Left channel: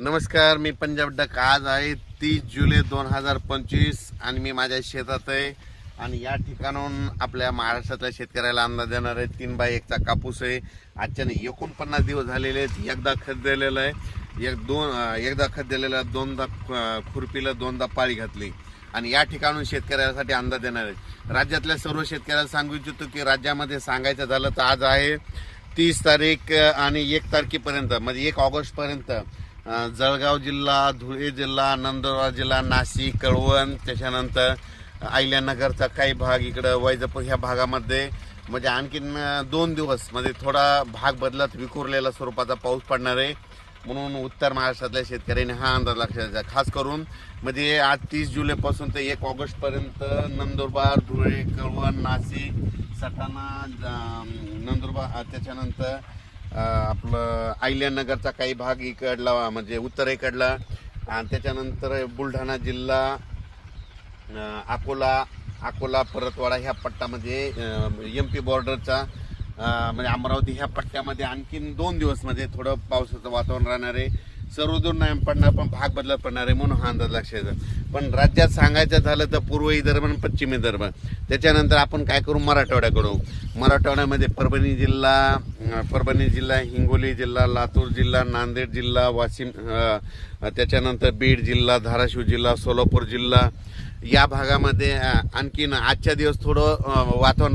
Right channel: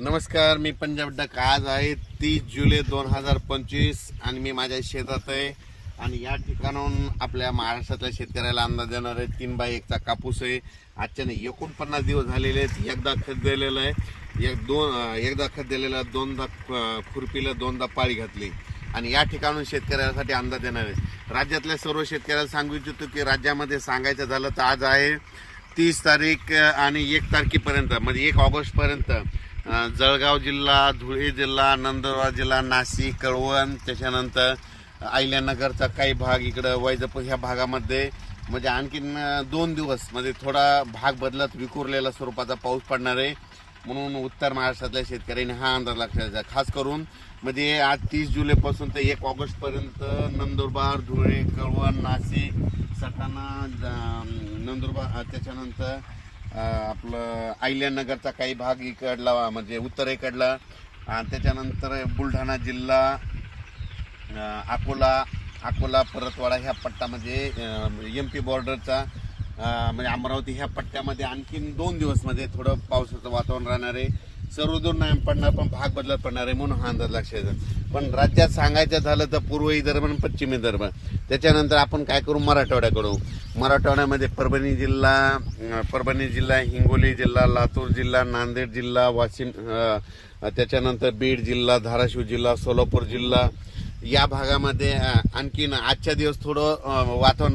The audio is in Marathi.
नमस्कार मी पंजाब डक. आज आहे तीस जुलै दोन हजार पंचवीस आणि मी माझ्या शेतात आहे. आणि या ठिकाणून आपल्या महाराष्ट्रातल्या शेतकऱ्याला अंदाज देणार आहे तीन बाय एकचा कापूस आहे. आजच्याने एकोणपन्नास दिवस झालेले आहेत. एकदा खत दिलेलं आहे. एक दोन एकदा खत दिलेलं आहे. दोनदा खुरपीला दोनदा पाळी घातली. आणि या ठिकाणून शेतकऱ्यासाठी अंदाज देणार आहे. राज्यातल्या सर्व शेतकऱ्याला सांगू इच्छितो की राज्यामध्ये सांगायचं झालं तर आज आहे तीस तारीख आणि एक तारखेपर्यंत म्हणजे एक ऑगस्टपर्यंत. जळगाव जिल्हा धुळे जिल्हा नंदुरबार जिल्हा नाशिक कळवण त्याच्यानंतर अहिल्यानगरचा काही भाग इकडं वैजापूर ह्या भागामध्ये. म्हणजे आणखीन दोन दिवस म्हणजे थोडा भाग बदलत विखुरलेला स्वरूपाचा पाऊस पडणार आहे. म्हणून उत्तर महाराष्ट्रातल्या शेतकऱ्यांनी हा अंदाज लक्षात घ्या खास करून म्हणजे आज तीस जुलैपासून ते एक ऑगस्टपर्यंत नंदुरबार धुळे कळवण नाशिक सटाणा नंदुरबार त्याच्यानंतर आपलं आयल्यानगरचा काही भाग इकडला म्हणजे उत्तरेकडला आणि त्याच्यानंतर बुलढाणा जिल्हा अकोला अकोला परतवाडा ह्या पट्टामध्ये म्हणजे, एम पी बॉर्डरचा म्हणजे अमरावती ह्या पट्ट्यामध्ये आणखीन दोन दिवसमध्ये म्हणजे थोडं पावसाचं वातावरण राहणार आहे. सर्वदूर नाही पडणार पण भाग बदलत पडणार आहे म्हणून हा अंदाज लक्षात पण राज्यात सांगायचं झालं तर पूर्व दरम्यान आणि पश्चिम त्याच्यानंतर आपण काय करू? मराठवाड्याकडू मराठवाड्यामध्ये परभणी जिल्हा परभणी जिल्हा हिंगोली जिल्हा लातूर जिल्हा नांदेड जिल्हा वाशिम त्याच्यानंतर बीड जिल्हा धाराशिव जिल्हा सोलापूर जिल्हा. या भागामध्ये आणखीन आजच्या दिवस थोडं वातावरण